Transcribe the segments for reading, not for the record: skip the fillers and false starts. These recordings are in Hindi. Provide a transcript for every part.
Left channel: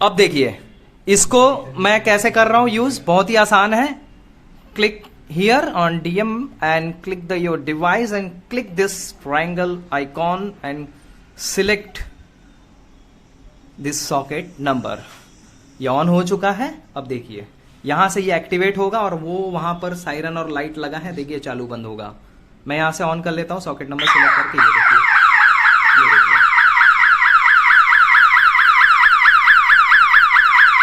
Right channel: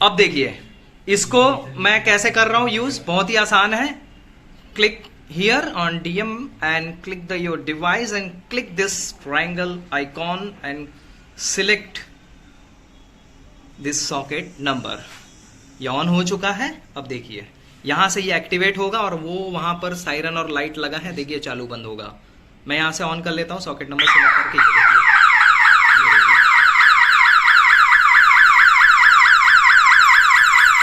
अब देखिए इसको मैं कैसे कर रहा हूं यूज, बहुत ही आसान है। Click here on DM and click the your device and click this triangle icon and select this socket number. ये ऑन हो चुका है। अब देखिए यहां से ये एक्टिवेट होगा और वो वहां पर सायरन और लाइट लगा है, देखिए चालू बंद होगा। मैं यहां से ऑन कर लेता हूं सॉकेट नंबर सिलेक्ट करके। ये देखिए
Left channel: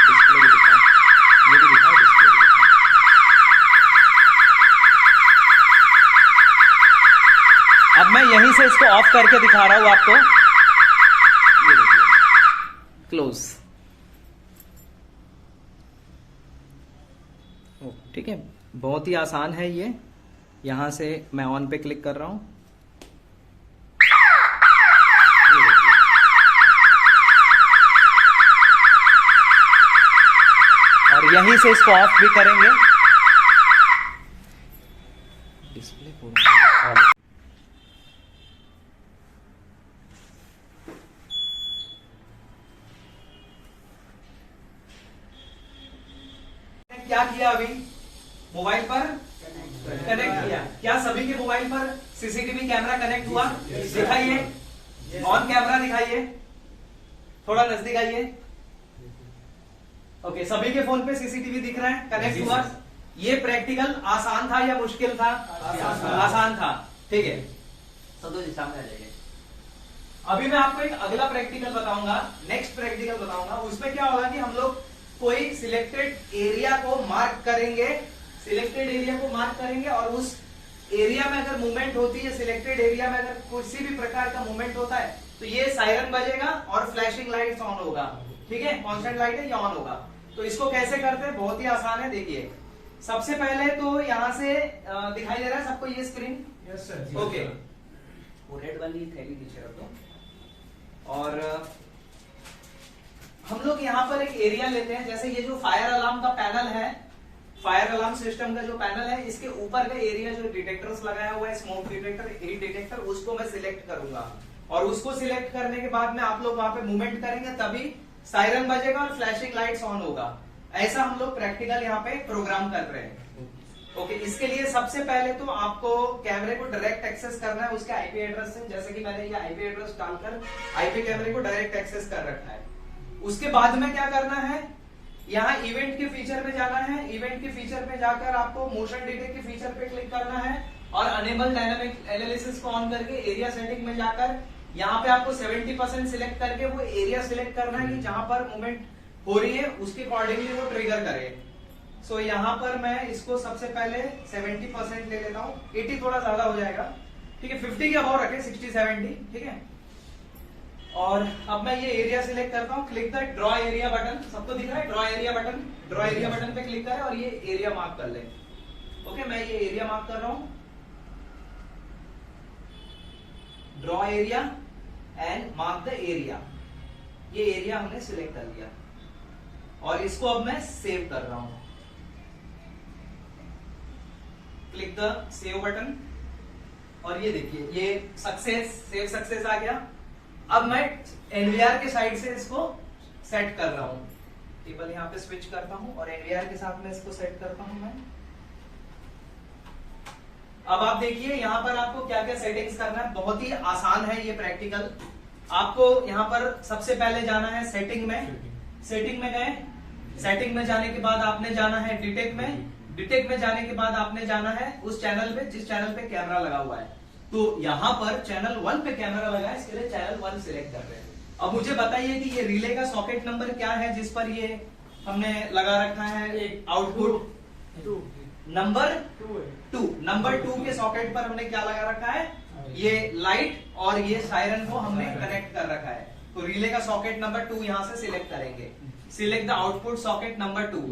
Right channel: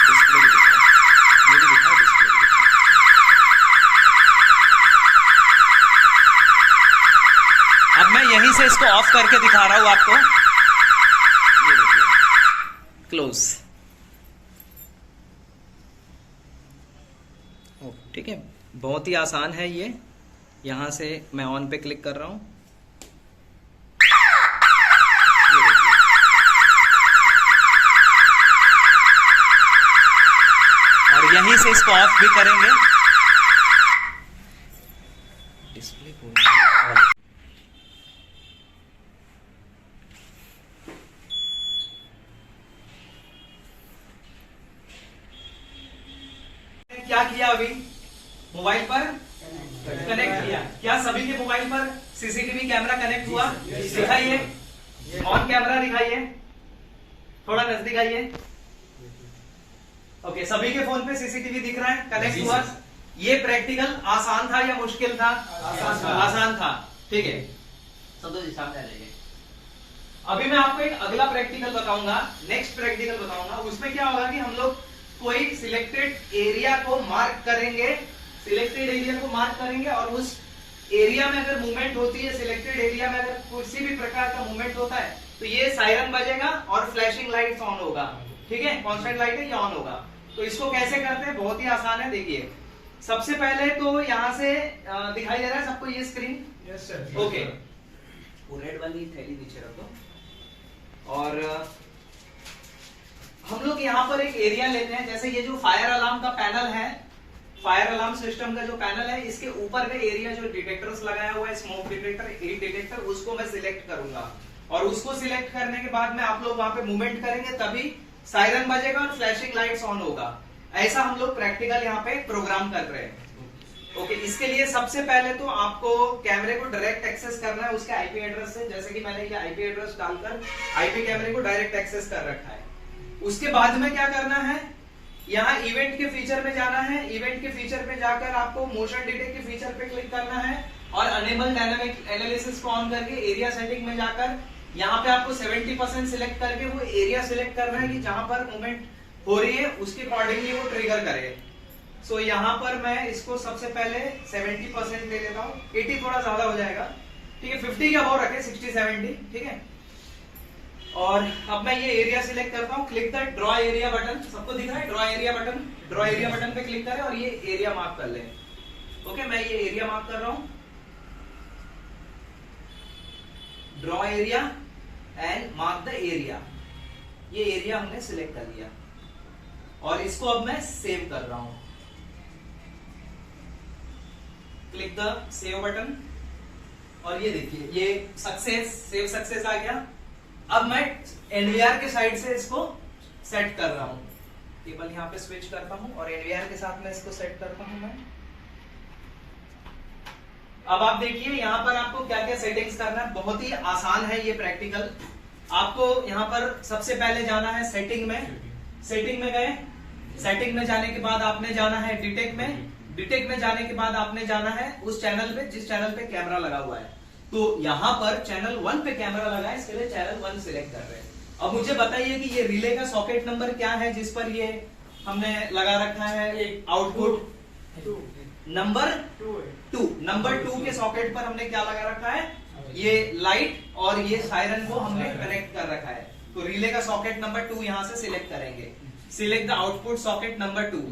डिस्प्ले भी दिखा, ये भी दिखा, डिस्प्ले भी दिखा। अब मैं यहीं से इसको ऑफ करके दिखा रहा हूं आपको। ये देखिए क्लोज। ठीक है, बहुत ही आसान है ये। यहां से मैं ऑन पे क्लिक कर रहा हूं। ये देखिए और यहीं से इसको ऑफ भी करेंगे। डिस्प्ले पूरा ऑन। क्या किया अभी? मोबाइल पर कनेक्ट किया। क्या सभी के मोबाइल पर सीसीटीवी कैमरा कनेक्ट हुआ? दिखाइए, ऑन कैमरा दिखाइए, थोड़ा नजदीक आइए। ओके, सभी के फोन पे सीसीटीवी दिख रहा है, कनेक्ट हुआ। ये प्रैक्टिकल आसान था या मुश्किल था? आसान था। ठीक है, संतोष जी सामने आ जाइए। अभी मैं आपको एक अगला प्रैक्टिकल बताऊंगा, नेक्स्ट प्रैक्टिकल बताऊंगा। उसमें क्या होगा कि हम लोग कोई सिलेक्टेड एरिया को मार्क करेंगे, सिलेक्टेड एरिया को मार्क करेंगे और उस एरिया में अगर मूवमेंट होती है, सिलेक्टेड एरिया में अगर किसी भी प्रकार का मूवमेंट होता है तो ये सायरन बजेगा और फ्लैशिंग लाइट्स ऑन होगा। ठीक है, कांस्टेंट लाइट है, ये ऑन होगा। तो इसको कैसे करते हैं? बहुत ही आसान है। देखिए सबसे पहले तो यहां से दिखाई दे रहा है सबको ये स्क्रीन? Yes sir. ओके, वो रेड वाली थैली नीचे रख दो और हम लोग यहाँ पर एक एरिया लेते हैं। जैसे ये जो फायर अलार्म का पैनल है, फायर अलार्म सिस्टम का जो पैनल है, इसके ऊपर का एरिया जो डिटेक्टर्स लगाया हुआ है, स्मोक डिटेक्टर, हीट डिटेक्टर, उसको मैं सिलेक्ट करूंगा। और उसको सिलेक्ट करने के बाद में आप लोग वहां पे मूवमेंट करेंगे तभी सायरन बजेगा और फ्लैशिंग लाइट्स ऑन होगा। ऐसा हम लोग प्रैक्टिकल यहाँ पे प्रोग्राम कर रहे हैं। ओके, इसके लिए सबसे पहले तो आपको कैमरे को डायरेक्ट एक्सेस करना है उसके आईपी एड्रेस से। जैसे कि मैंने ये आईपी एड्रेस डालकर आईपी कैमरे को डायरेक्ट एक्सेस कर रखा है। उसके बाद में क्या करना है, यहाँ इवेंट के फीचर में जाना है। इवेंट के फीचर में जाकर आपको मोशन डिटेक्ट के फीचर पे क्लिक करना है और अनेबल डायनामिक एनालिसिस को ऑन करके एरिया सेटिंग में जाकर यहाँ पे आपको 70% सिलेक्ट करके वो एरिया सिलेक्ट करना है कि जहां पर मूवमेंट हो रही है उसके अकॉर्डिंगली वो ट्रिगर करे। सो यहाँ पर मैं इसको सबसे पहले 70% ले लेता हूँ। 80 थोड़ा ज्यादा हो जाएगा, ठीक है, 50 के अबाउ रखे, 60-70, ठीक है। और अब मैं ये एरिया सिलेक्ट करता हूँ। Click the draw area button, सबको दिख रहा है draw area button? Draw area button पे क्लिक करें और ये एरिया मार्क कर लें। ओके, मैं ये एरिया मार्क कर रहा हूं, draw area and mark the area. ये एरिया हमने सिलेक्ट कर लिया और इसको अब मैं सेव कर रहा हूं। क्लिक द सेव बटन और ये देखिए ये सक्सेस, सेव सक्सेस आ गया। अब मैं एनवीआर के साइड से इसको सेट कर रहा हूं। टेबल यहां पे स्विच करता हूं और एनवीआर के साथ में इसको सेट करता हूं मैं। अब आप देखिए यहां पर आपको क्या क्या सेटिंग्स करना है। बहुत ही आसान है ये प्रैक्टिकल। आपको यहां पर सबसे पहले जाना है सेटिंग में। सेटिंग में गए, सेटिंग में जाने के बाद आपने जाना है डिटेक्ट में। डिटेक्ट में जाने के बाद आपने जाना है उस चैनल पे जिस चैनल पे कैमरा लगा हुआ है। तो यहां पर चैनल 1 पे कैमरा लगा है, इसके लिए चैनल 1 सिलेक्ट कर रहे हैं। अब मुझे बताइए कि ये रिले का सॉकेट नंबर क्या है जिस पर ये हमने लगा रखा है आउटपुट? नंबर 2। नंबर 2 के सॉकेट पर हमने क्या लगा रखा है? ये लाइट और ये सायरन को हमने कनेक्ट कर रखा है। तो रिले का सॉकेट नंबर 2 यहां से सिलेक्ट करेंगे। Select the output socket number 2,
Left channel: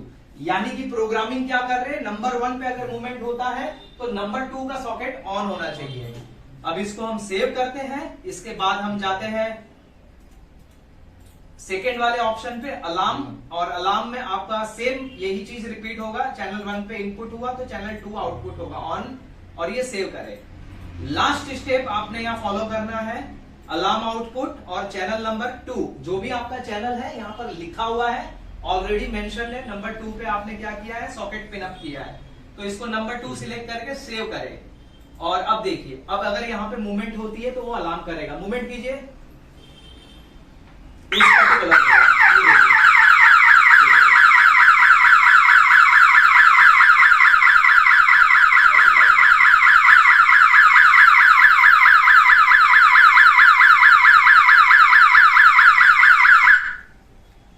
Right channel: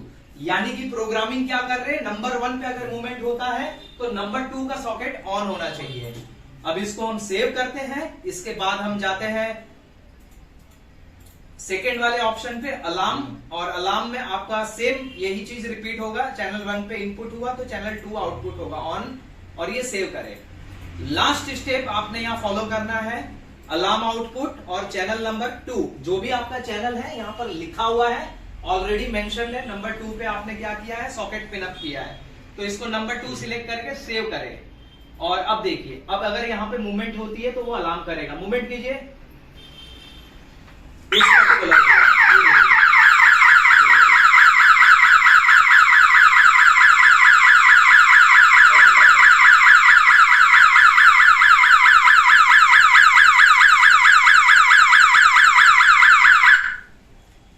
यानी कि प्रोग्रामिंग क्या कर रहे हैं, नंबर 1 पे अगर मूवमेंट होता है तो नंबर 2 का सॉकेट ऑन होना चाहिए। अब इसको हम सेव करते हैं। इसके बाद हम जाते हैं सेकेंड वाले ऑप्शन पे अलार्म, और अलार्म में आपका सेम यही चीज रिपीट होगा। चैनल 1 पे इनपुट हुआ तो चैनल 2 आउटपुट होगा ऑन, और ये सेव करें। लास्ट स्टेप आपने यहां फॉलो करना है। अलार्म आउटपुट और चैनल नंबर 2, जो भी आपका चैनल है यहाँ पर लिखा हुआ है, ऑलरेडी मेंशन है। नंबर 2 पे आपने क्या किया है, सॉकेट पिन अप किया है, तो इसको नंबर 2 सिलेक्ट करके सेव करें। और अब देखिए, अब अगर यहाँ पे मूवमेंट होती है तो वो अलार्म करेगा। मूवमेंट कीजिए इस पर्टिकुलर,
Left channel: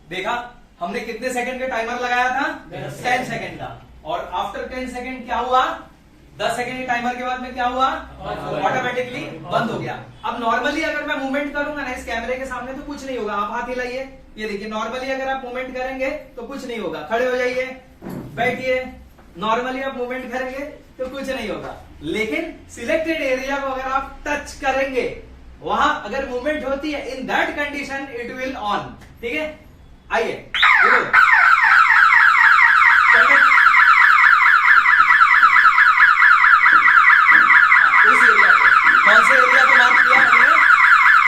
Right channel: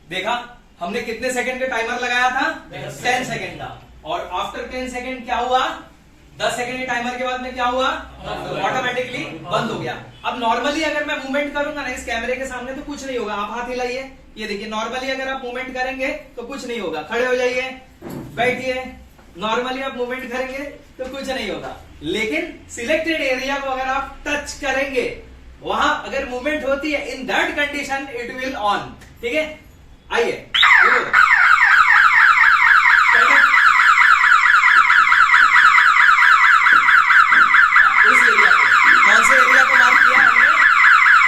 देखा हमने कितने सेकंड का टाइमर लगाया था, 10 सेकंड का, और आफ्टर 10 सेकंड क्या हुआ, 10 सेकंड के टाइमर के बाद में क्या हुआ, ऑटोमेटिकली बंद हो गया। अब नॉर्मली अगर मैं मूवमेंट करूंगा ना इस कैमरे के सामने तो कुछ नहीं होगा। आप हाथ हिलाइए, ये देखिए, नॉर्मली अगर आप मूवमेंट करेंगे तो कुछ नहीं होगा। खड़े हो जाइए, बैठिए, नॉर्मली आप मूवमेंट करेंगे तो कुछ नहीं होगा। लेकिन सिलेक्टेड एरिया को अगर आप टच करेंगे, वहां अगर मूवमेंट होती है, in that condition it will on. ठीक है, आइए उस एरिया को, कौन से एरिया को मार्क किया हमने,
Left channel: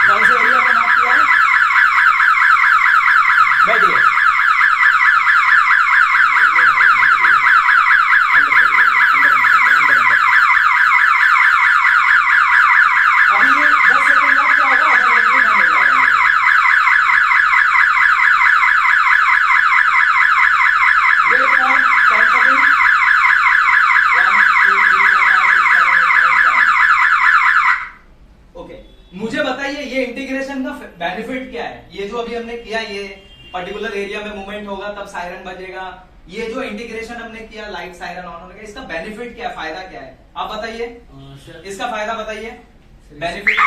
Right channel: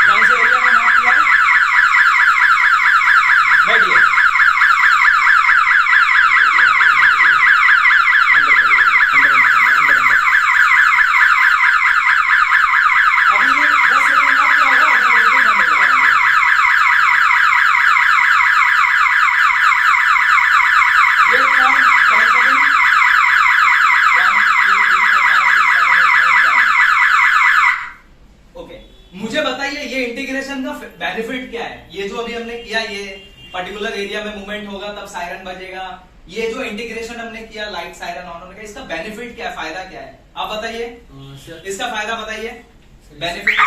कौन से एरिया को मार्क किया, बैठिए, अभी ये 10 सेकंड बाद क्या होगा, ऑटोमेटिकली बंद हो जाएगा। Wait for 10 second, 1 2 3 4 5 6 7 8 9 10। ओके, मुझे बताइए ये इंटीग्रेशन का बेनिफिट क्या है। ये जो अभी हमने किया, ये पर्टिकुलर एरिया में मूवमेंट होगा तब सायरन बजेगा। ये जो इंटीग्रेशन हमने किया, लाइट सायरन ऑन होने का, इसका बेनिफिट क्या है, फायदा क्या है, आप बताइए। इसका फायदा बताइए, बेनिफिट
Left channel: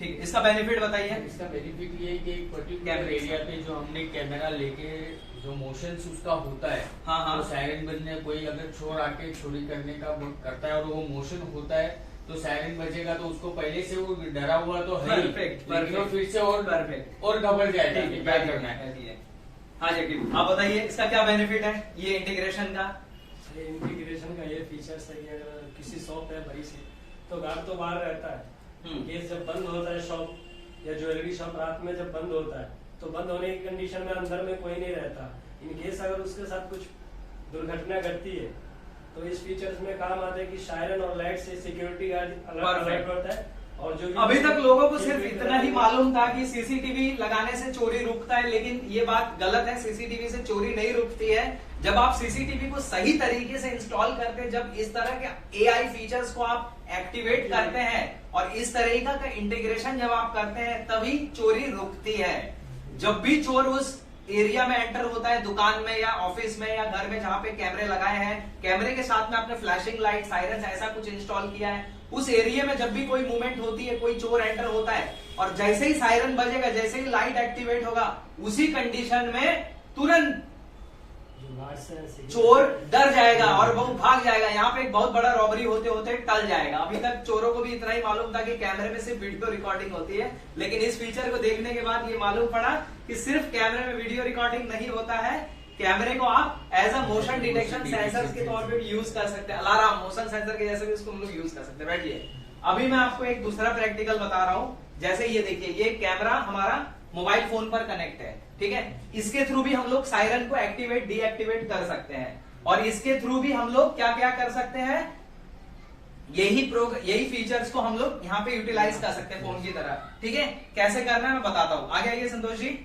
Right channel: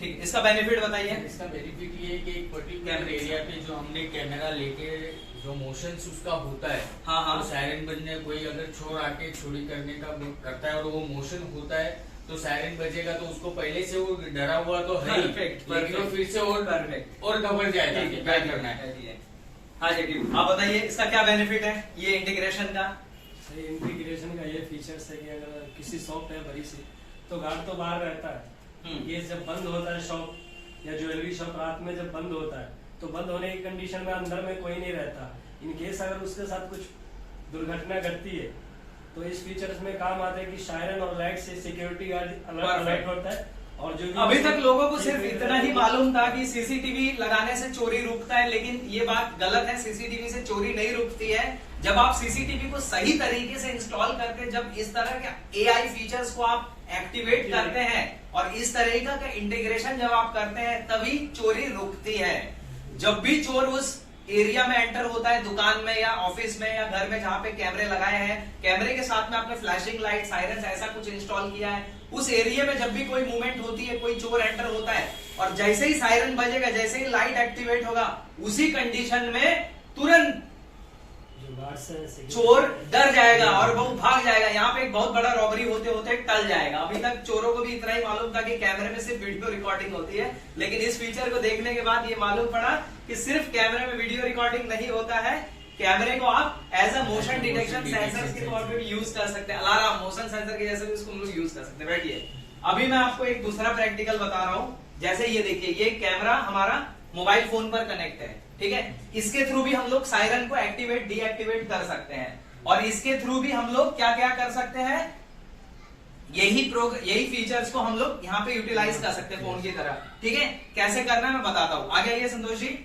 ठीक, इसका बेनिफिट बताइए। इसका बेनिफिट ये है कि एक पर्टिकुलर एरिया पे जो हमने कैमरा लेके जो मोशन उसका होता है, हाँ हाँ, तो सायरन बजने, कोई अगर चोर आके चोरी करने का करता है और वो मोशन होता है तो सायरन बजेगा, तो उसको पहले से वो डरा हुआ तो है, लेकिन वो फिर से और परफेक्ट और घबरा जाएगा कि क्या करना है। हाँ जी, आप बताइए इसका क्या बेनिफिट है ये इंटीग्रेशन का। इंटीग्रेशन का ये फीचर्स है कि अगर किसी शॉप है बड़ी से, तो गार्ड तो बाहर रहता है, ये जब बंद होता है शॉप या ज्वेलरी शॉप रात में जब बंद होता है, तो बंद होने की कंडीशन में अंदर में कोई नहीं रहता। इन केस अगर उसके साथ कुछ दुर्घटना घटती है तो इस फीचर्स में काम आता है कि सायरन और लाइट से सिक्योरिटी गार्ड अलर्ट करता है। और जो अभी तक लोगों को सिर्फ इतना ही मालूम था कि सीसीटीवी लगाने से चोरी रुकता है, लेकिन ये बात गलत है। सीसीटीवी से चोरी नहीं रुकती है। जब आप सीसीटीवी को सही तरीके से इंस्टॉल करते हैं, जब इस तरह के एआई फीचर्स को आप एक्टिवेट करते हैं और इस तरीका का इंटीग्रेशन जब आप करते हैं, तभी चोरी रुकती है। जब भी चोर उस एरिया में एंटर होता है, दुकान में या ऑफिस में या घर में जहां पे कैमरे लगाए हैं, कैमरे के साथ में आपने फ्लैशिंग लाइट, सायरन ऐसा कुछ इंस्टॉल किया है, उस एरिया में जब भी कोई मूवमेंट होती है, कोई चोर एंटर होता है, और जैसे ही सायरन बजेगा, जैसे ही लाइट एक्टिवेट होगा, उसी कंडीशन में तुरंत चोर डर जाएगा और वो भाग जाएगा। यहाँ पे एक बहुत बड़ा रॉबरी होते होते टल जाएगा। अभी तक चोरों को भी इतना ही मालूम था कि कैमरे में सिर्फ वीडियो रिकॉर्डिंग होती है, लेकिन इस फीचर को देखने के बाद ये मालूम पड़ा कि सिर्फ कैमरे में वीडियो रिकॉर्डिंग नहीं होता है, कैमरे को आप as a motion detection sensor के तौर पे भी यूज कर सकते हैं। अलार्म मोशन सेंसर के जैसे भी उसको हम लोग यूज कर सकते हैं। बैठिए, अभी मैं आपको एक दूसरा प्रैक्टिकल बता रहा हूं। जैसे ये देखिए, ये कैमरा हमारा मोबाइल फोन पर कनेक्ट है, ठीक है। इसके थ्रू भी हम लोग सायरन को एक्टिवेट डीएक्टिवेट कर सकते हैं, और इसके थ्रू भी हम लोग क्या क्या कर सकते हैं, यही फीचर्स को हम लोग यहाँ पे यूटिलाइज कर सकते हैं फोन की तरह, ठीक है। कैसे करना है मैं बताता हूं। आगे आइए संतोष जी,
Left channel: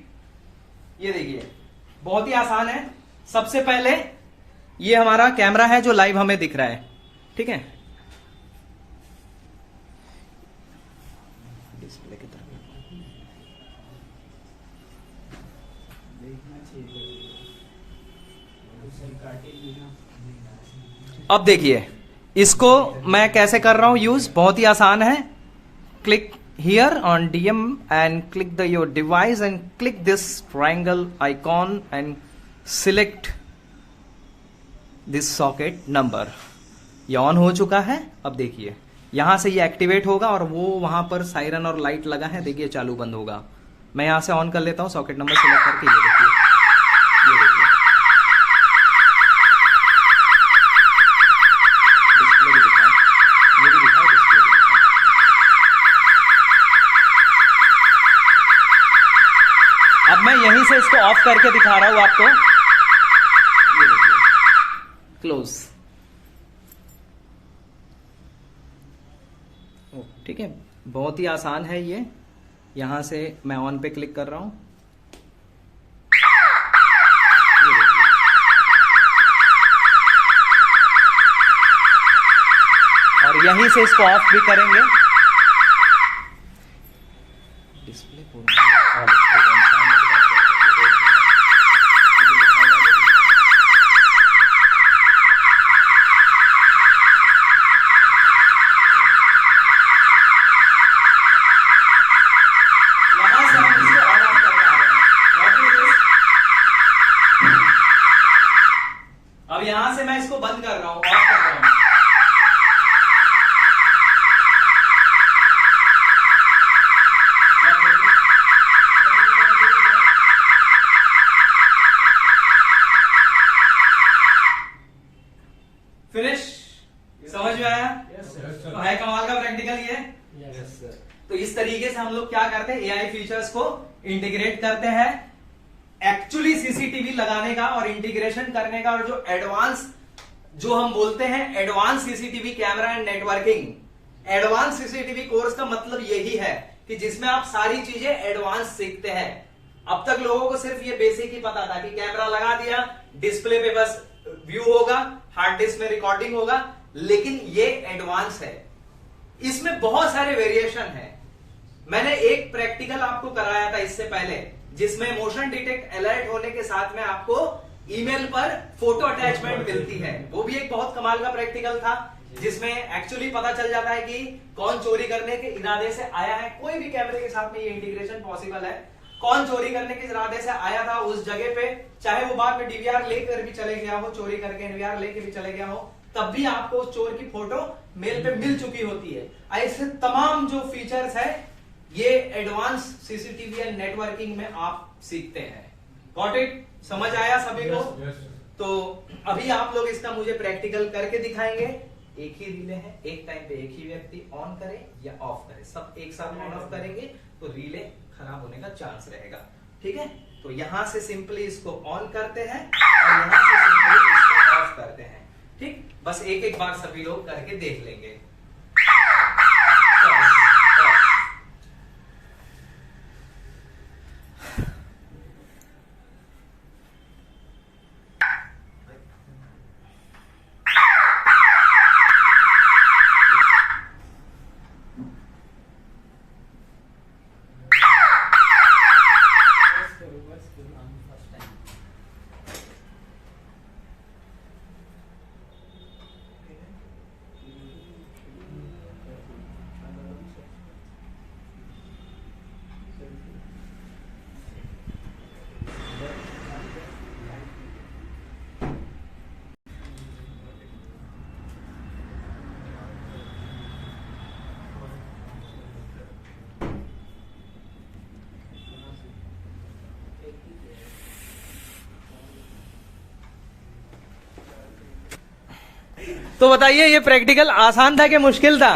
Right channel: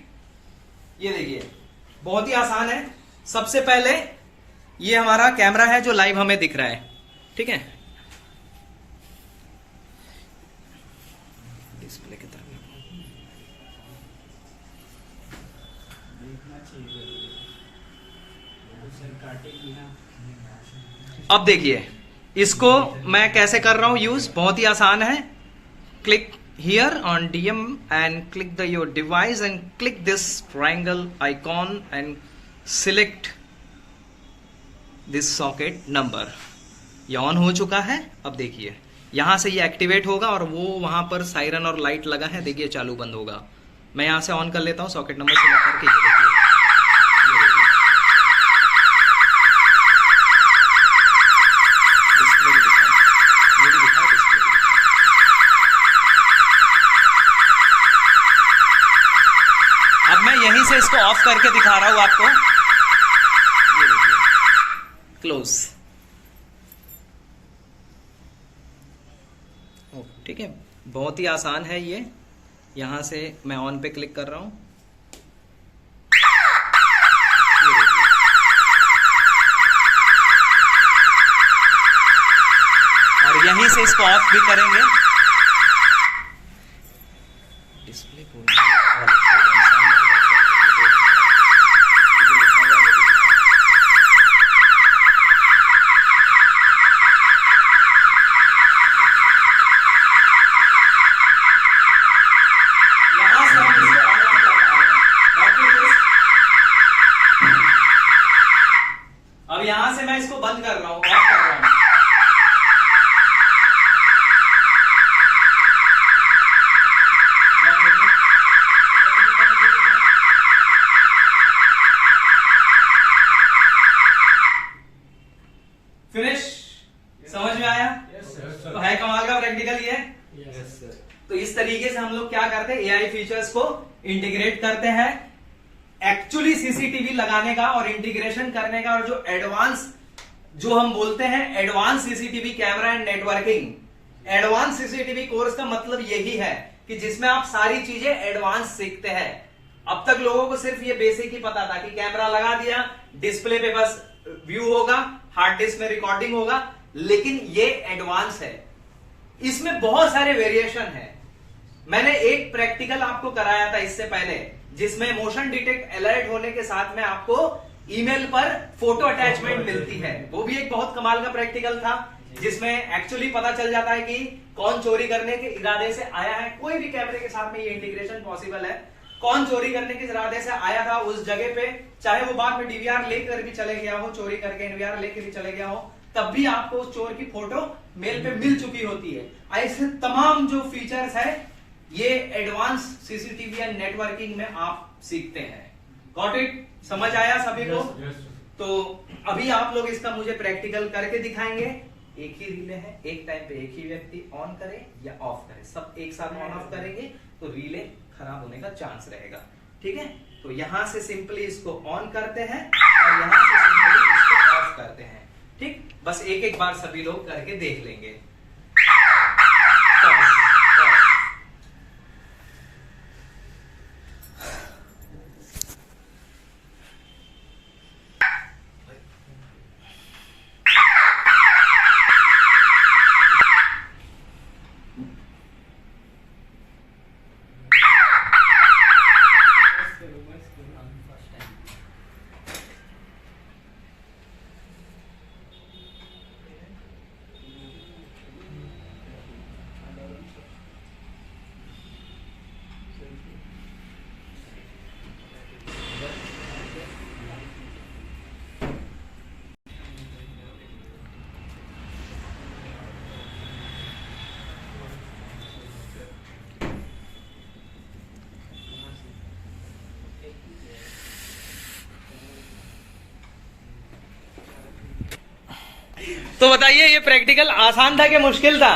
ये देखिए बहुत ही आसान है। सबसे पहले ये हमारा कैमरा है जो लाइव हमें दिख रहा है, ठीक है। डिस्प्ले की तरफ अब देखिए, इसको मैं कैसे कर रहा हूं यूज, बहुत ही आसान है। Click here on DM and click the your device and click this triangle icon and select this socket number. ये ऑन हो चुका है। अब देखिए यहां से ये एक्टिवेट होगा और वो वहां पर सायरन और लाइट लगा है, देखिए चालू बंद होगा। मैं यहां से ऑन कर लेता हूं, सॉकेट नंबर सिलेक्ट करके, ये देखिए से इसको ऑफ करके दिखा रहा हूं आपको। ये देखिए, क्लोज। ठीक है, बहुत ही आसान है ये। यहां से मैं ऑन पे क्लिक कर रहा हूं। ये देखिए, और यहीं से इसको ऑफ भी करेंगे। डिस्प्ले अब यहां से मैं इसको बंद कर रहा हूं, ऑफ कर रहा हूं। फिनिश। समझ में आया? तो है कमाल का प्रैक्टिकल ये। Yes sir. तो इस तरीके से हम लोग क्या करते हैं, एआई फीचर्स को इंटीग्रेट करते हैं। एक्चुअली सीसीटीवी लगाने का और इंटीग्रेशन करने का, और जो एडवांस, जो हम बोलते हैं advance CCTV camera and networking. Advance CCTV course का मतलब यही है कि जिसमें आप सारी चीजें एडवांस सीखते हैं। अब तक लोगों को सिर्फ ये बेसिक ही पता था कि कैमरा लगा दिया, डिस्प्ले पे बस व्यू होगा, हार्ड डिस्क में रिकॉर्डिंग होगा, लेकिन ये एडवांस है। इसमें बहुत सारे वेरिएशन है। मैंने एक प्रैक्टिकल आपको कराया था इससे पहले, जिसमें मोशन डिटेक्ट अलर्ट होने के साथ में आपको ईमेल पर फोटो अटैचमेंट मिलती है। वो भी एक बहुत कमाल का प्रैक्टिकल था, जिसमें एक्चुअली पता चल जाता है कि कौन चोरी करने के इरादे से आया है। कोई भी कैमरे के साथ में ये इंटीग्रेशन पॉसिबल है। कौन चोरी करने के इरादे से आया था उस जगह पे, चाहे वो बाद में डीवीआर लेकर भी चले गया हो, चोरी करके एनवीआर लेकर भी चले गया हो, तब भी आपको उस चोर की फोटो मेल पे मिल चुकी होती है। ऐसे तमाम जो फीचर्स है ये एडवांस सीसीटीवी एंड नेटवर्किंग में आप सीखते हैं। Got it? समझ आया सभी को? तो अभी आप लोग इसका मुझे प्रैक्टिकल करके दिखाएंगे। एक ही रिले है, एक टाइम पे एक ही व्यक्ति ऑन करे या ऑफ करे, सब एक साथ ऑन ऑफ करेंगे तो रिले खराब होने का चांस रहेगा। ठीक है, तो यहां से सिंपली इसको ऑन करते हैं और यहां से सिंपली इसको ऑफ करते हैं। ठीक, बस एक एक बार सभी लोग करके देख लेंगे। तो बताइए, ये प्रैक्टिकल आसान था कि मुश्किल था?